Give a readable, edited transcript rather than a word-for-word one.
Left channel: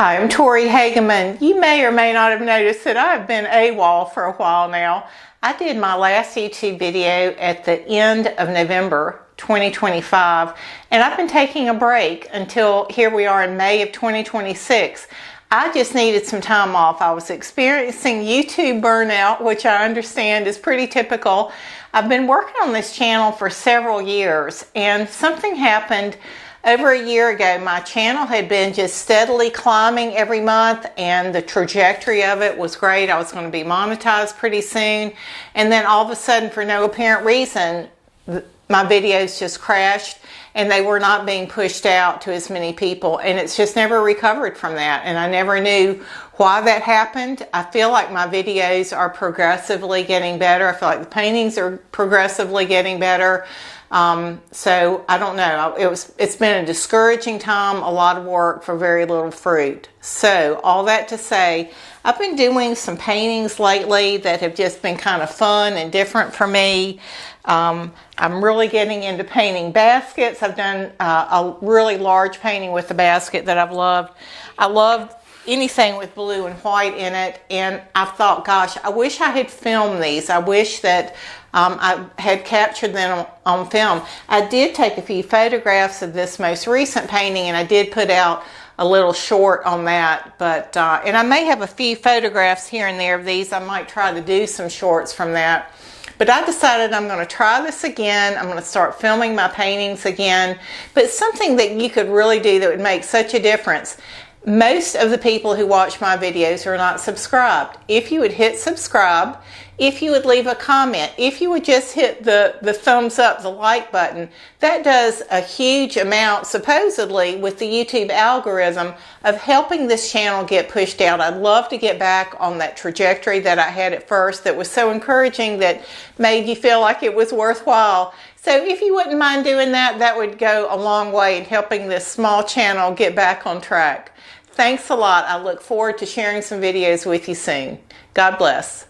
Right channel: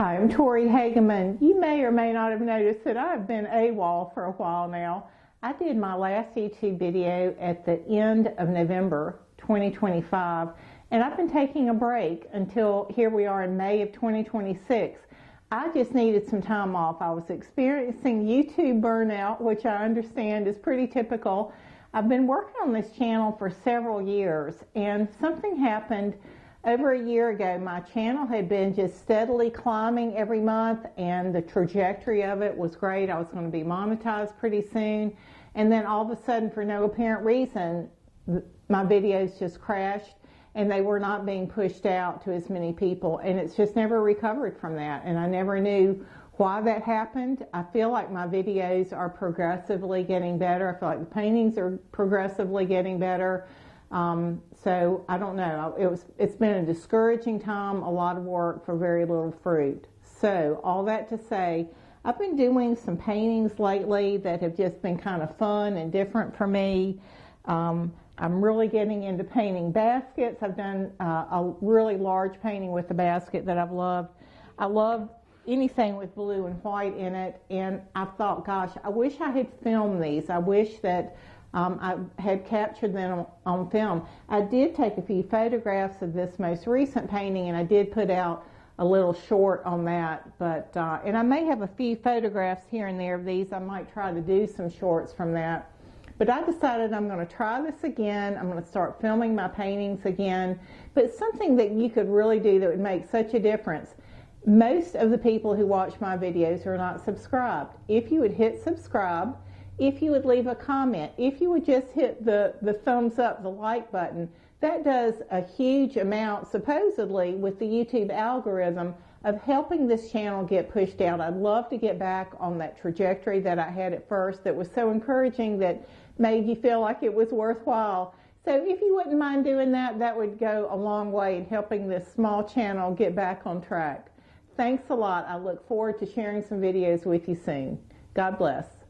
Hi, I'm Tori Hagaman. You may or may not have noticed that I've been AWOL for a while now. I did my last YouTube video at the end of November 2025, and I've been taking a break until here we are in May of 2026. I just needed some time off. I was experiencing YouTube burnout, which I understand is pretty typical. I've been working on this channel for several years, and something happened over a year ago. My channel had been just steadily climbing every month, and the trajectory of it was great. I was going to be monetized pretty soon, and then all of a sudden, for no apparent reason, my videos just crashed and they were not being pushed out to as many people, and it's just never recovered from that, and I never knew why that happened. I feel like my videos are progressively getting better. I feel like the paintings are progressively getting better. So I don't know. It's been a discouraging time, a lot of work for very little fruit. So all that to say, I've been doing some paintings lately that have just been kind of fun and different for me. I'm really getting into painting baskets. I've done a really large painting with the basket that I've loved. I love anything with blue and white in it, and I thought, gosh, I wish I had filmed these. I wish that I had captured them on film. I did take a few photographs of this most recent painting, and I did put out a little short on that, but and I may have a few photographs here and there of these. I might try to do some shorts from that. But I decided I'm going to try this again. I'm going to start filming my paintings again. But something that you could really do that would make such a difference. Most of the people who watch my videos are not subscribed. If you would hit subscribe, if you would leave a comment, if you would just hit the thumbs up, the like button, that does a huge amount, supposedly, with the YouTube algorithm of helping this channel get pushed out. I'd love to get back on that trajectory that I had at first that was so encouraging, that made you feel like it was worthwhile. So if you wouldn't mind doing that, that would go a long way in helping this small channel get back on track. Thanks a lot. I look forward to sharing some videos with you soon. God bless.